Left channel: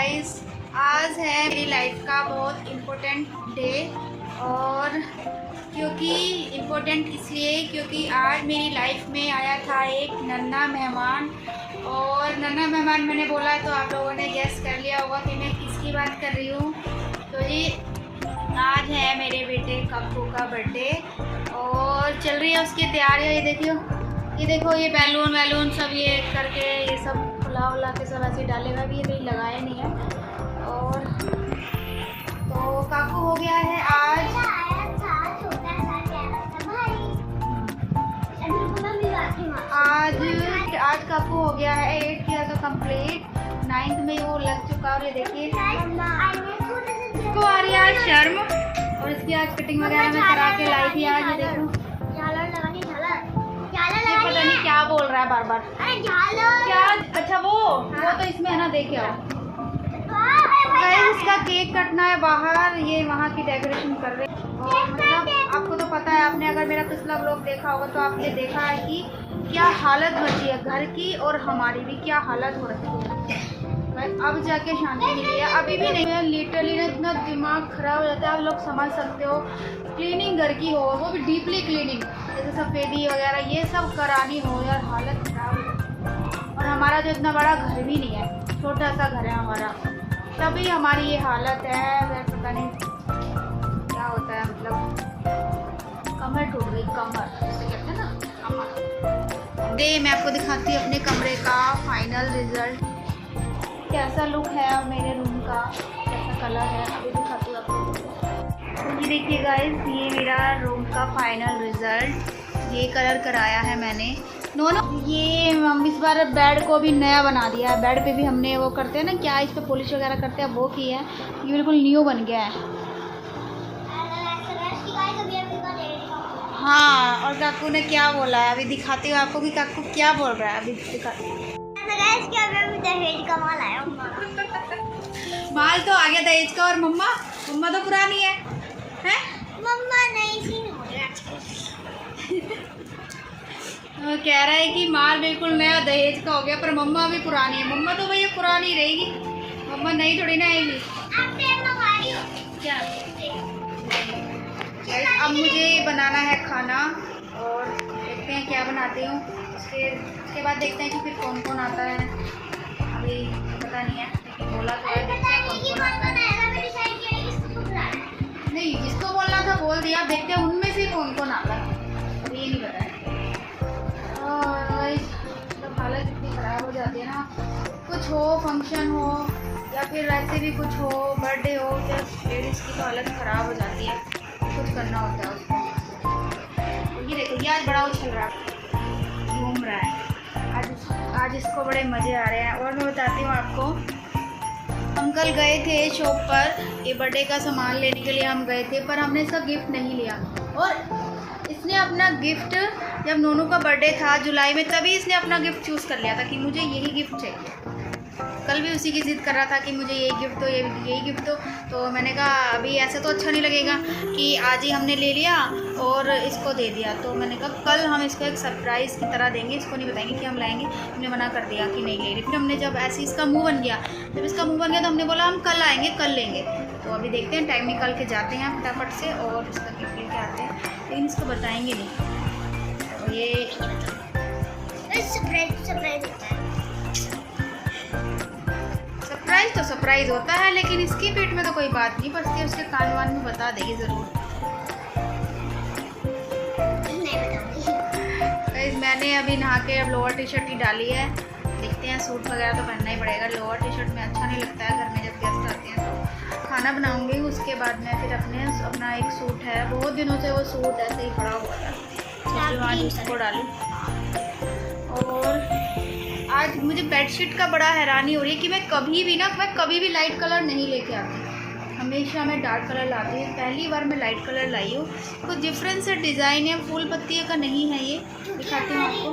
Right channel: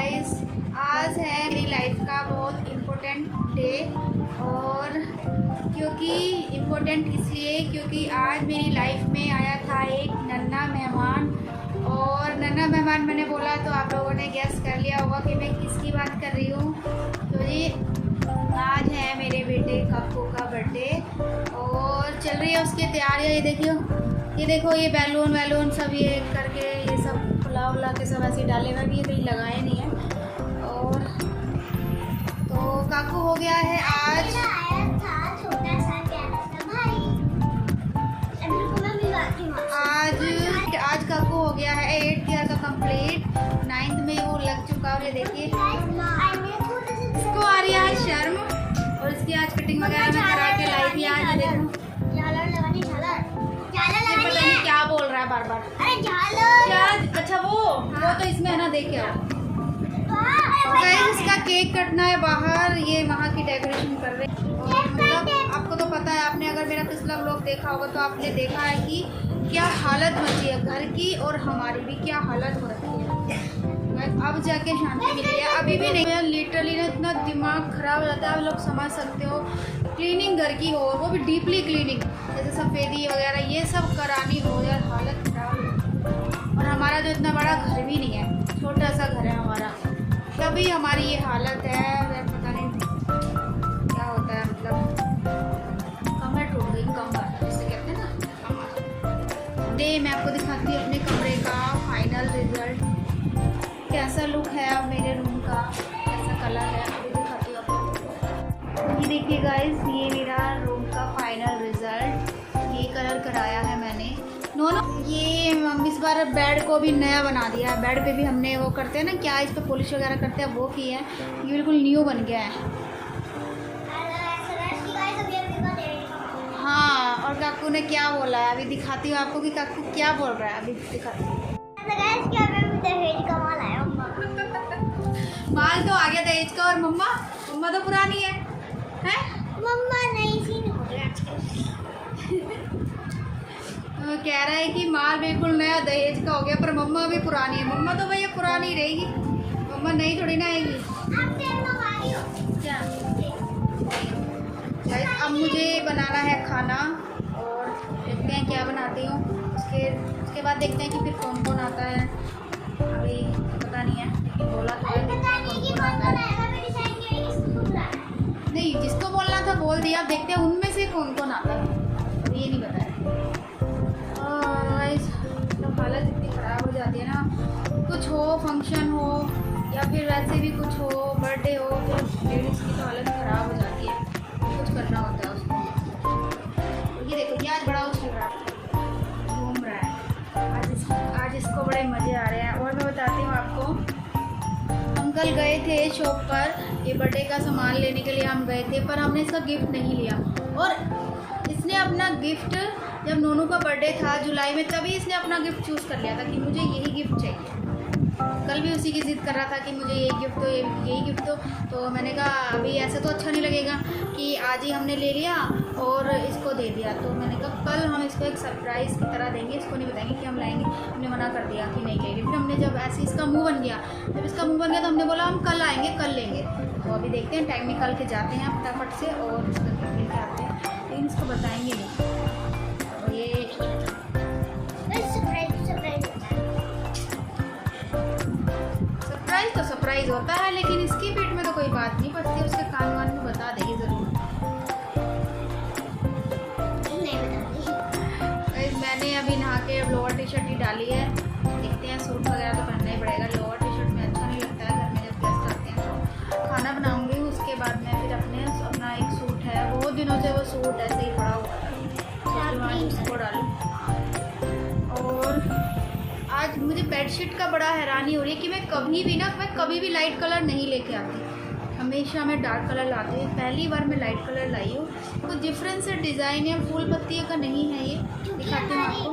Guys, आज है मेरी लाइफ का बहुत इम्पोर्टेंट डे। और क्योंकि इम्पोर्टेंट इसलिए क्योंकि आज मेरी लाइफ में आया था एक नन्हा मेहमान। और नन्हा मेहमान मैंने बोला तो आप लोगों ने गेस कर लिया होगा कि मैं किसकी बात कर रही हूँ। तो जी आज है मेरे बेटे कप्पू का बर्थडे और चल रही है उसकी तैयारियाँ। ये देखो ये बैलून वैलून सब ये करके ये सब फुला के सब ऐसे डाले हुए, भी ये कहीं लगाए नहीं है। और तो काकू हो गया है आज आज काकू हो गया है 8th ईयर का कंप्लीट। 9th में वो लग चुका। और ये देखिए इसको आ रही है आज शर्म। और इसकी आज कटिंग वगैरह मैं करा के लाई थी आज। ये देखो ये पता नहीं क्या बोल रहा है बार बार। क्या? अच्छा वो तो इसमें है ना, देखे आओ। गाइस इसका केक कटना है बाहर, ये वहाँ की डेकोरेशन कर रहे हैं। और मतलब आपको तो पता है, आपने अगर मेरा पिछला व्लॉग देखा होगा तो आपने देखा है कि क्या हालत बची है घर की, और हमारी भी क्या हालत हो रखी है। अब जाके शांति मिली है, अभी भी नहीं है। लिटरली ना इतना दिमाग खराब हो जाता है, आप लोग समझ सकते हो। क्लीनिंग घर की हो, वो भी डीपली क्लीनिंग, जैसे सफ़ेदी वगैरह ये सब करानी हो, यार हालत खराब है। और हमारा जो इतना बड़ा घर भी नहीं है, छोटा सा घर है हमारा, तभी हमारी ये हालत है। पता नहीं क्या होता है, मतलब कमर टूट गई, कमर जिसे कहते हैं ना कमर। दे मैं आपको दिखाती हूँ अपने कमरे का फाइनल रिज़ल्ट, कैसा लुक है अब मेरे रूम का, कैसा कलर है, अभी दिखाती हूँ आपको। ये देखिए गाइस, ये मेरा रूम का फाइनल रिज़ल्ट, ये कलर कराया है मैंने। नो ये हम इस बार बेड को भी नया बना दिया है। बेड पे भी हमने वो करते हैं ना, क्या इस पे पॉलिश वगैरह करते हैं, वो की है। ये बिल्कुल न्यू बन गया है। हाँ, और काकू ने क्या बोला है अभी दिखाती हूँ आपको कि काकू क्या बोल रहा है, अभी दिखाती हूँ। दहेज का माल आया, माल तो आ गया दहेज का। और मम्मा तो पुरानी है, मम्मा नहीं सी वो कह रहा है कि माल बिल्कुल नया दहेज का हो गया, पर मम्मा भी पुरानी है। मम्मा तो भैया पुरानी रहेगी, मम्मा नई थोड़ी ना आएगी। क्या अब मुझे बनाना है खाना, और देखते हैं क्या बनाती हूँ। उसके बाद देखते हैं कि फिर कौन कौन आता है, अभी पता नहीं है, लेकिन बोला तो है, देखते हैं कौन कौन आता है। नहीं, जिसको बोलना था बोल दिया, देखते हैं उनमें से कौन कौन आता है, अभी ये नहीं पता है। और मतलब हालत इतनी ख़राब हो जाती है ना, कुछ हो फंक्शन हो या फिर वैसे भी कुछ हो, बर्थडे हो, तो लेडीज़ की तो हालत ख़राब हो जाती है, कुछ करना होता है उसको। ये देखो ये आज बड़ा उछल रहा है, घूम रहा है आज इसको बड़े मज़े आ रहे हैं। और मैं बताती हूँ आपको, हम कल गए थे शॉप पर, ये बर्थडे का सामान लेने के लिए हम गए थे, पर हमने इसका गिफ्ट नहीं लिया। और इसने अपना गिफ्ट, जब नोनू का बर्थडे था जुलाई में, तभी इसने अपना गिफ्ट चूज़ कर लिया था कि मुझे यही गिफ्ट चाहिए। कल भी उसी की ज़िद कर रहा था कि मुझे यही गिफ्ट दो, यही गिफ्ट दो। तो मैंने कहा अभी ऐसे तो अच्छा नहीं लगेगा कि आज ही हमने ले लिया और इसको दे दिया। तो मैंने कहा कल हम इसको एक सरप्राइज़ की तरह देंगे, इसको नहीं बताएंगे कि हम लाएंगे। हमने मना कर दिया कि नहीं ले रही। फिर हमने जब ऐसे इसका मुँह बन गया, तो हमने बोला हम कल आएँगे, कल लेंगे। तो अभी देखते हैं, टाइम निकाल के जाते हैं फटाफट से और उसका गिफ्ट लेके आते हैं, लेकिन इसको बताएँगे नहीं। तो ये सरप्राइज़ तो सरप्राइज़ होता है, लेकिन इसकी पीठ में तो कोई बात नहीं पड़ती, उसके कान वान में बता देगी ज़रूर। मैंने अभी नहा के अब लोअर टी शर्ट ही डाली है, देखते हैं, सूट वगैरह तो पहनना ही पड़ेगा। लोअर टी शर्ट में अच्छा नहीं लगता है घर में जब गेस्ट आते हैं। तो खाना बनाऊंगी, उसके बाद मैं फिर अपना एक सूट है, बहुत दिनों से वो सूट ऐसे ही पड़ा हुआ था, सोचूं आज उसको डालूँ। और आज मुझे बेडशीट का बड़ा हैरानी हो रही है कि मैं कभी भी लाइट कलर नहीं लेके आती, हमेशा मैं डार्क कलर लाती हूँ। पहली बार मैं लाइट कलर लाई हूँ, कुछ डिफरेंस है, डिज़ाइन है, फूल पत्तियों का नहीं है। ये दिखाती हूँ आपको।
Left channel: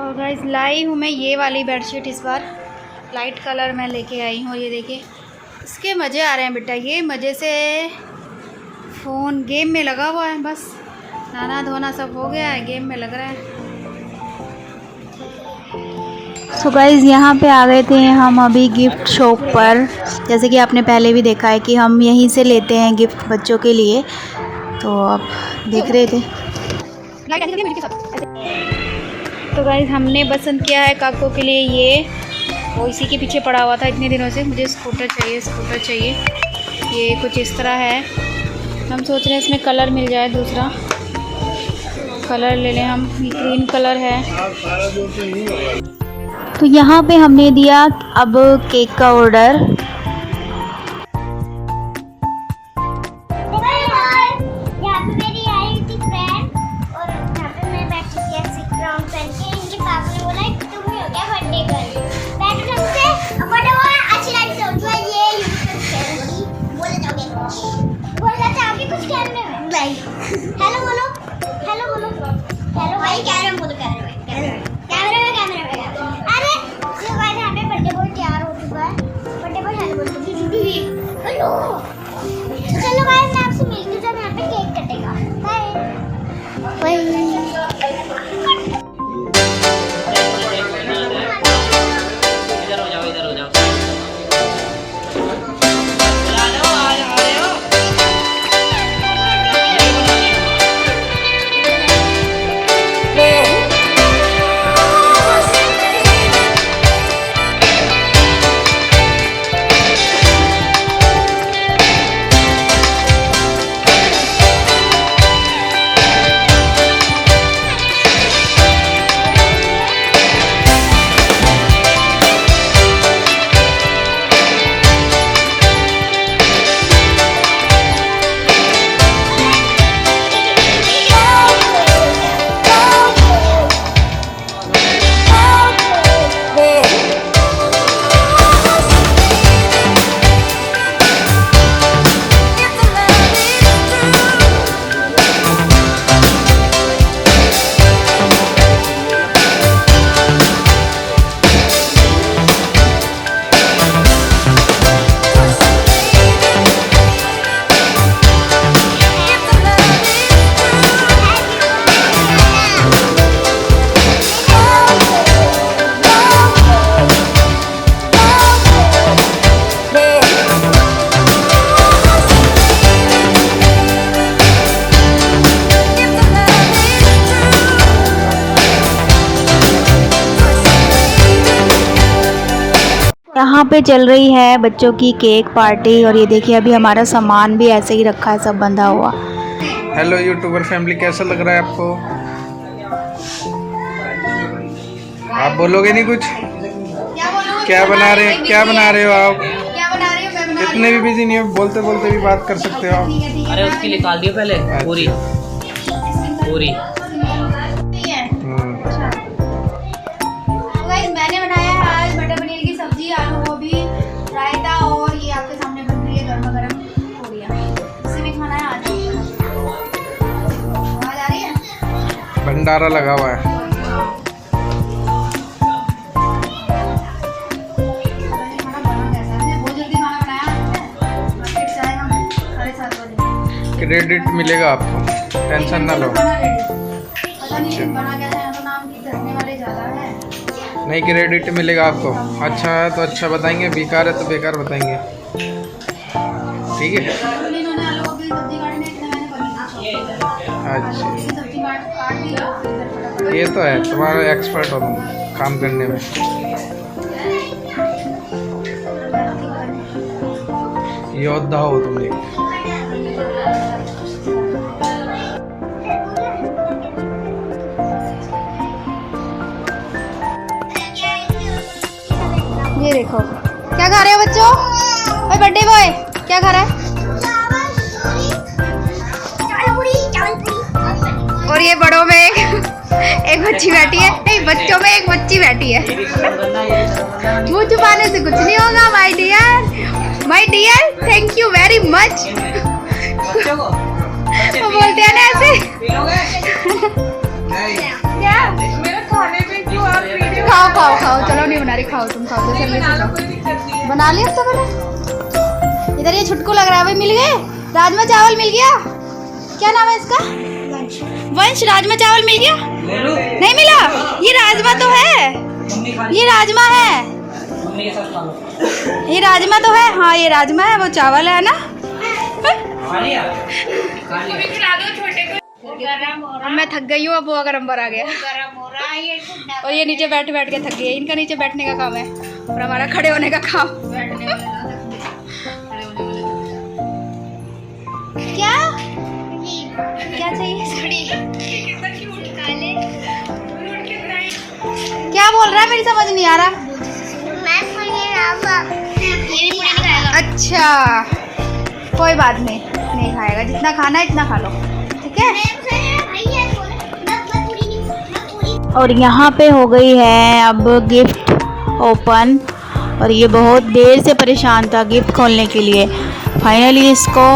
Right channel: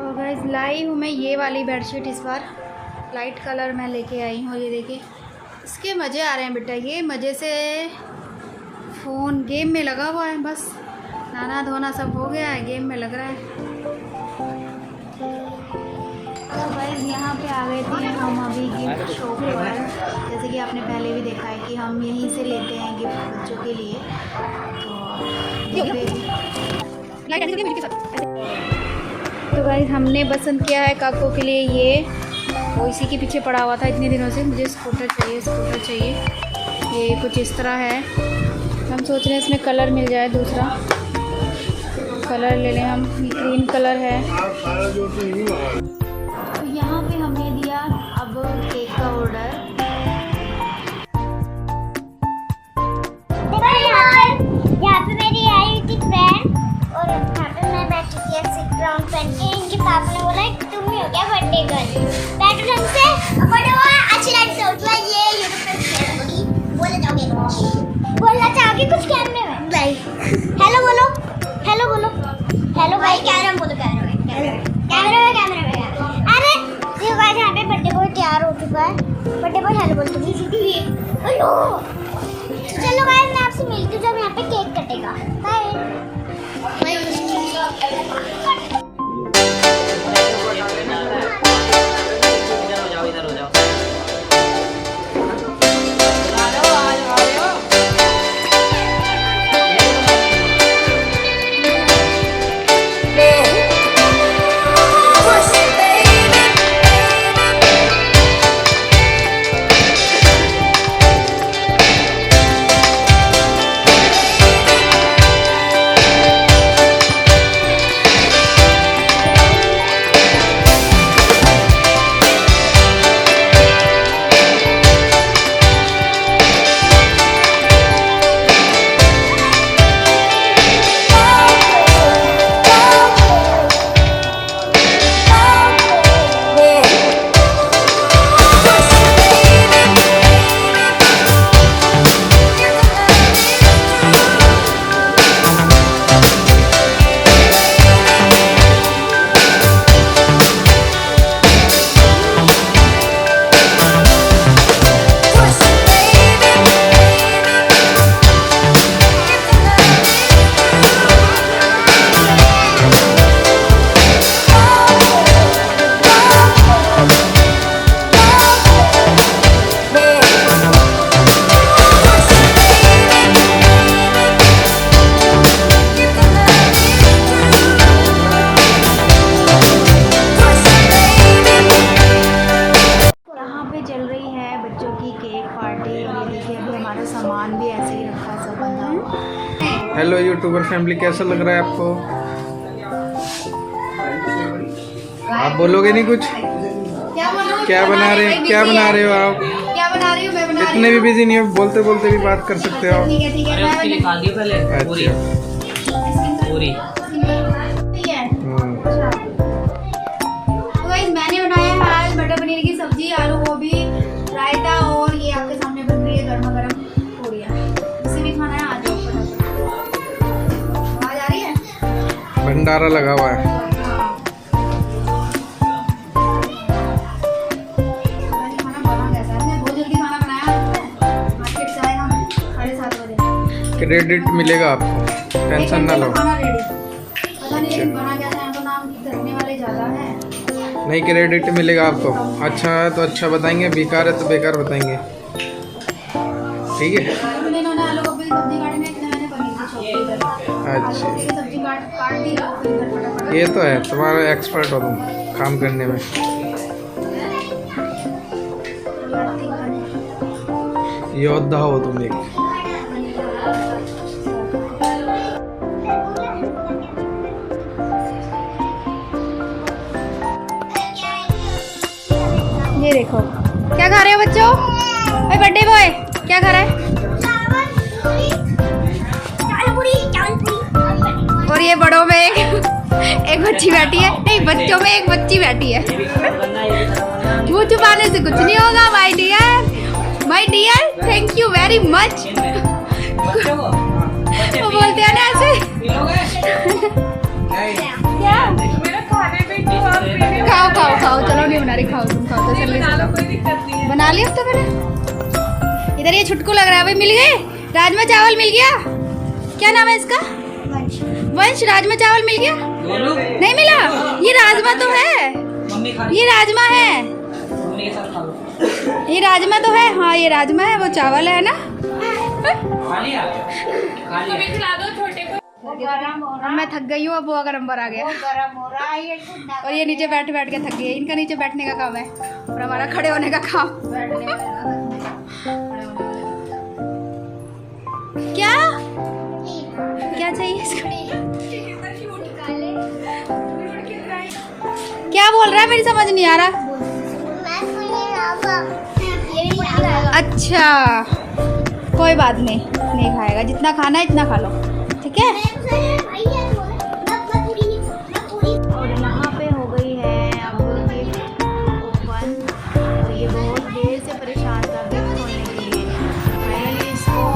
और गाइस लाई हूँ मैं ये वाली बेडशीट, इस बार लाइट कलर मैं लेके आई हूँ। ये देखिए इसके मज़े आ रहे हैं बेटा, ये मज़े से फ़ोन गेम में लगा हुआ है, बस नहाना धोना सब हो गया है, गेम में लग रहा है। सो गाइस यहाँ पे आ गए थे हम अभी गिफ्ट शॉप पर। जैसे कि आपने पहले भी देखा है कि हम यहीं से लेते हैं गिफ्ट बच्चों के लिए, तो आप देख रहे थे। तो गाइस हमने पसंद किया है काको के लिए ये, वो इसी के पीछे पड़ा हुआ था इतने दिनों से, मुझे स्कूटर चाहिए। ये कुछ इस तरह है। हम सोच रहे हैं इसमें कलर मिल जाए, दूसरा कलर ले लें हम। ग्रीन कलर है। तो यहाँ पे हमने दिया अब केक का ऑर्डर। यहाँ पे मेरी आई थी फ्रेंड और यहाँ पे मैं बैठी थी ऐसे ग्राउंड पहन के। इनके पापा ने बोला तुम ही हो क्या बर्थडे गर्ल, बैठो ढंग से, बड़ा हुआ अच्छी लाइट से उठवा। ये बोलना चाहोगे कुछ कैमरे में? भाई हेलो बोलो, हेलो बोलो, हेलो भाई कैमरे में बोलो, कैमरे में। अरे जो गाइस यहाँ पे बर्थडे बॉय तैयार हो चुका है। बर्थडे बॉय हेलो बोल दीजिए। हेलो चलो गाइस मैं आपसे मिलती हूँ जब यहाँ पे केक कटेगा। बाय। इधर हो जाओ। यहाँ पे चल रही है बच्चों की केक पार्टी। और ये देखिए अभी हमारा सामान भी ऐसे ही रखा है, सब बंधा हुआ। हेलो यूट्यूबर फैमिली, कैसा लग रहा है आपको? आप बोलोगे नहीं कुछ? क्या बना रहे हो क्या बना रही हो आप? क्या बना रही हो? मैं बना इतने भी बिजी नहीं हो, बोलते बोलते भी बात कर सकते हो आप। अरे इसकी निकाल दियो पहले पूरी पूरी। तो गाइस मैंने बनाया है आज मटर पनीर की सब्जी, आलू गोभी, रायता और ये आपके सामने बन रही है गर्मा गर्म पूड़ियाँ। इसे भी खाना है आज। आवाज आ रही है? भंडारा लगा हुआ है। क्रेडिट मिलेगा आपको, टेंशन ना लो। नहीं, क्रेडिट मिलेगा आपको। अच्छा है तो अच्छा बताएंगे, बेकार है तो बेकार बताएंगे, ठीक है? अच्छा, ये तो है, तुम्हारा एक्सपर्ट हो तुम काम करने में। योद्धा हो तुम एक। ये देखो क्या खा रहे हो बच्चों? ओए बर्थडे बॉय क्या खा रहा है? और ये बड़ों में एक बच्ची बैठी है, नहीं बच्चों में एक बच्ची बैठी है। मुँह छुपाने से कुछ नहीं होगा my dear, thank you very much. वो बोलते हैं ना ऐसे। क्या खाओ, चलो नहीं बना रही, खाओ तुम, खाओ तो जल्दी से खाओ। बना लिया तो मैंने। इधर ये छुटकू लग रहा है भाई, मिल गए राजमा चावल, मिल गया। क्या नाम है इसका? वंश। राजमा चावल मिल गया? नहीं मिला? ये राजमा तो है। मम्मी खा ये राजमा है, मम्मी के साथ खा लो। ये राजमा तो है। हाँ ये राजमा है, वो चावल है ना। खा लिया खा लिया। अब मैं थक गई हूँ, अब वो गरम आ गया और ये नीचे बैठ बैठ के थक गई है। इनका नीचे बैठने का काम है और हमारा खड़े होने का काम। क्या क्या चाहिए? क्या बोल रहा है, मेरी समझ नहीं आ रहा। अच्छा कोई बात नहीं, नहीं खाएगा। जितना खाना है इतना खा लो, ठीक है। और यहाँ पे हो गई है अब गिफ्ट ओपन, और ये बहुत देर से परेशान था गिफ्ट खोलने के लिए। फाइनली इसको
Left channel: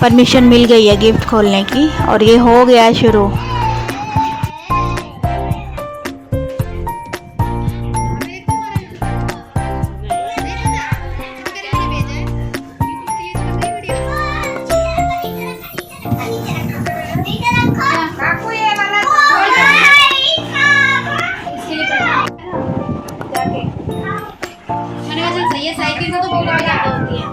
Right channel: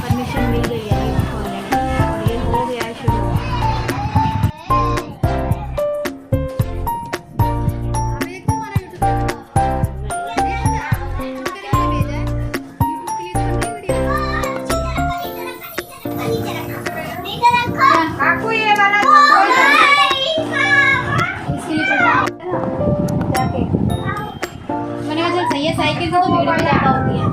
परमिशन मिल गई है गिफ्ट खोलने की, और ये हो गया शुरू। साइकिल से तो बहुत ज्यादा होती है।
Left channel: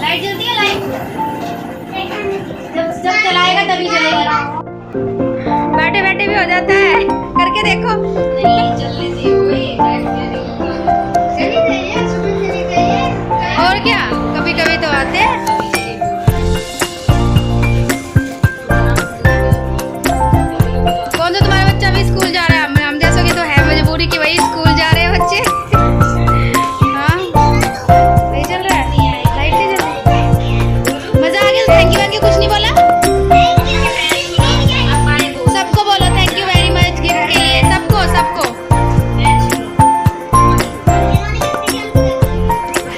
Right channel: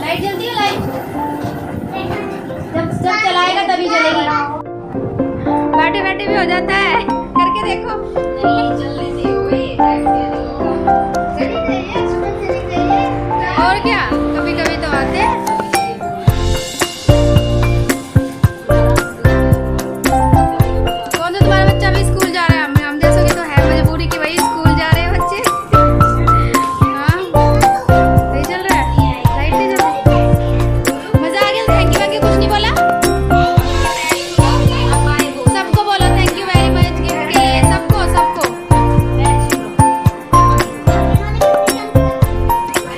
लाइट जलती है, लाइट जब चलाएगा तभी जलेगी। बैठे बैठे भी हो जाता है, करके देखो। और क्या, कभी कभी तो आते हैं। कौन सा तुम्हारा बच्चा भी स्कूल जा रहा है? हम जैसों की तो है मजबूरी कि वही स्कूल जा रहे हैं बच्चे। हाँ सही चल रहा है, लाइट नहीं जल रही। मजा आ गया। थैंक यू कुछ नहीं बोला? सबको बोलो thank you very much gift के लिए, सबको सबको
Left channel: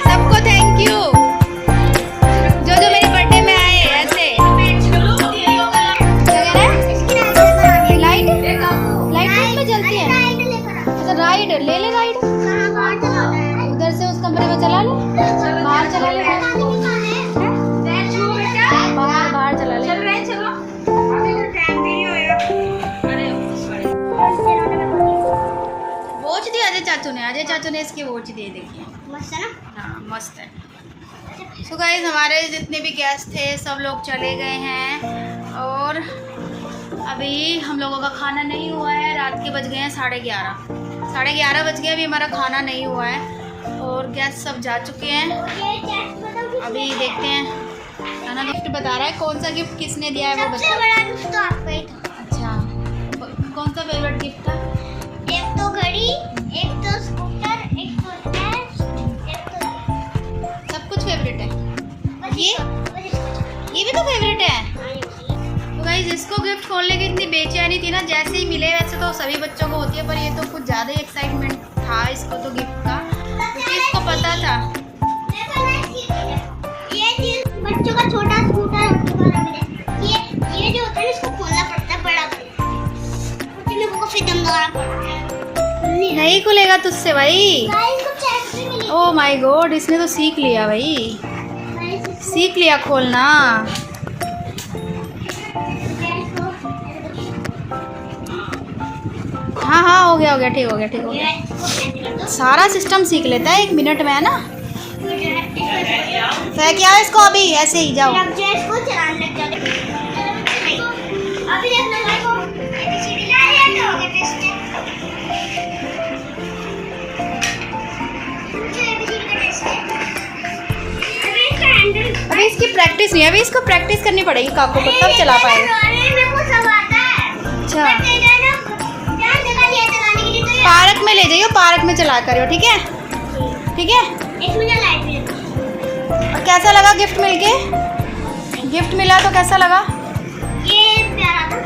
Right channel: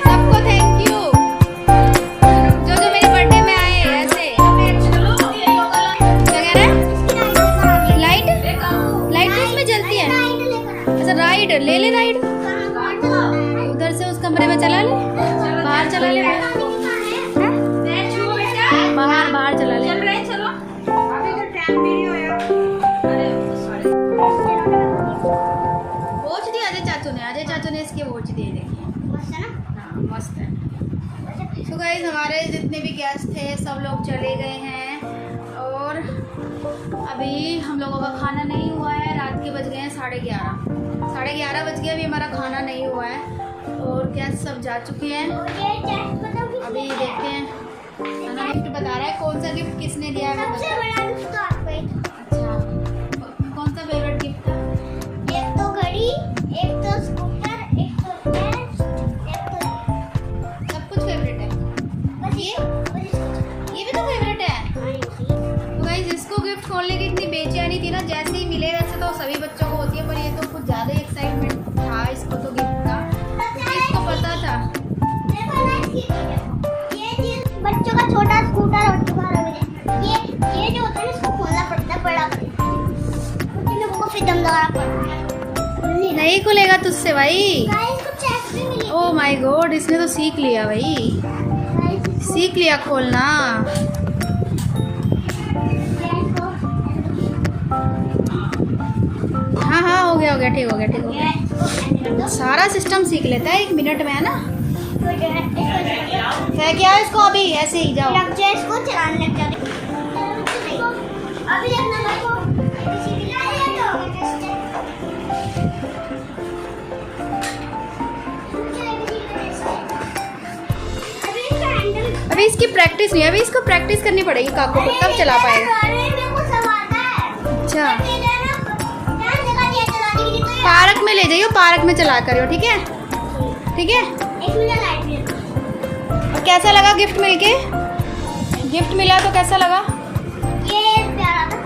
सबको थैंक यू, जो जो मेरे बर्थडे में आए। ऐसे लाइट इसमें जलती है। अच्छा राइड ले ले, राइड उधर से उस कमरे में चला ले, बाहर चला ले, बाहर चला ले। वॉच दी अजय चाचू ने इसकी वॉच दी, देखिए। हाँ मस्त है। सो गाइस हमारे जितने भी गेस्ट थे सब लोग चले गए हैं, और अभी हम लोगों का खाना नहीं हुआ है। रात के बज गए हैं 11:30 बज गए, अभी हमारा खाना नहीं हुआ है और गेस्ट सब जा चुके हैं। अभी देखते हैं। खाना गिफ्ट बता रहा है, कौन सा गिफ्ट किसने दिया है वो बता। अच्छा कौन सा फेवरेट गिफ्ट था? एक तो घड़ी, एक तो स्कूटर, एक तो कैश, एक तो सब कुछ फेवरेट है। ये भी तो फेवरेट है। तो गाइस इसको गिफ्ट खोलने की इतनी बेचैनी थी ना, जैसे ही मिले वैसे तो सभी बच्चों को होती है, पर ये तो कुछ ज़्यादा ही एक्साइटमेंट था इसको तो गिफ्ट का, क्योंकि इसको पता था। ये चीज बच्चों का छोटा स्कूटर और तुम्हारा ये जो होता है इसको खोलना पड़ता है, बड़ा को फिर दमदारा पड़ता है। नहीं खुलेगा तुझसे भाई। इसको चेक भी मिली। ओ माय गॉड, इसने तो सीख लिया भाई, सीख लिया खोलना। हाँ हाँ हो गया ठीक हो गया। सारा सिस्टम सीख लेता है 1 मिनट में, है ना। फेंक क्या इसको अभी, ऐसे ही जाओ। इसको चलाने लग जाते। अभी देखना अभी इसकी प्रैक्टिस नहीं है, अभी इसको प्रैक्टिस करनी पड़ेगी काको को, तब चला पाएगा। अच्छा पार्क में ले जाइयो, पार्क में चला करियो, ठीक है ठीक है। और कैसा लगा गिफ्ट मिलके? गिफ्ट मिला तो कैसा लगा? ये प्यारा था।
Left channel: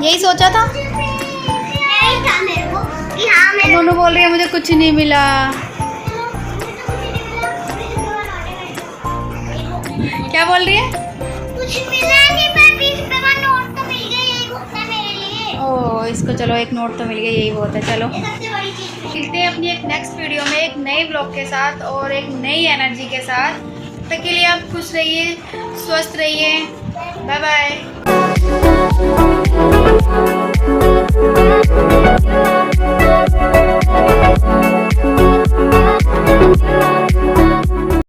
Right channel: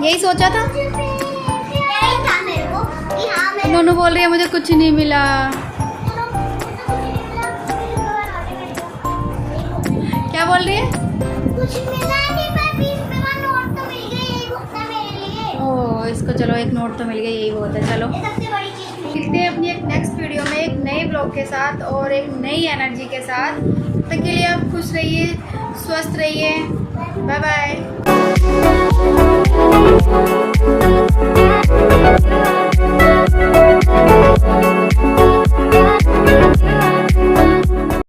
यही सोचा था। यही था मेरे को कि हाँ मेरे दोनों बोल रही है मुझे कुछ नहीं मिला। क्या बोल रही है? कुछ मिला नहीं, पर 20 रुपए का नोट तो मिल गया, यही बहुत है मेरे लिए। ओह इसको चलो एक नोट तो मिल गया, यही बहुत है। चलो ये सबसे बड़ी चीज। मिलते हैं अपनी एक नेक्स्ट वीडियो में एक नए ब्लॉग के साथ और एक नई एनर्जी के साथ। तब तक के लिए आप खुश रहिए, स्वस्थ रहिए। Bye bye.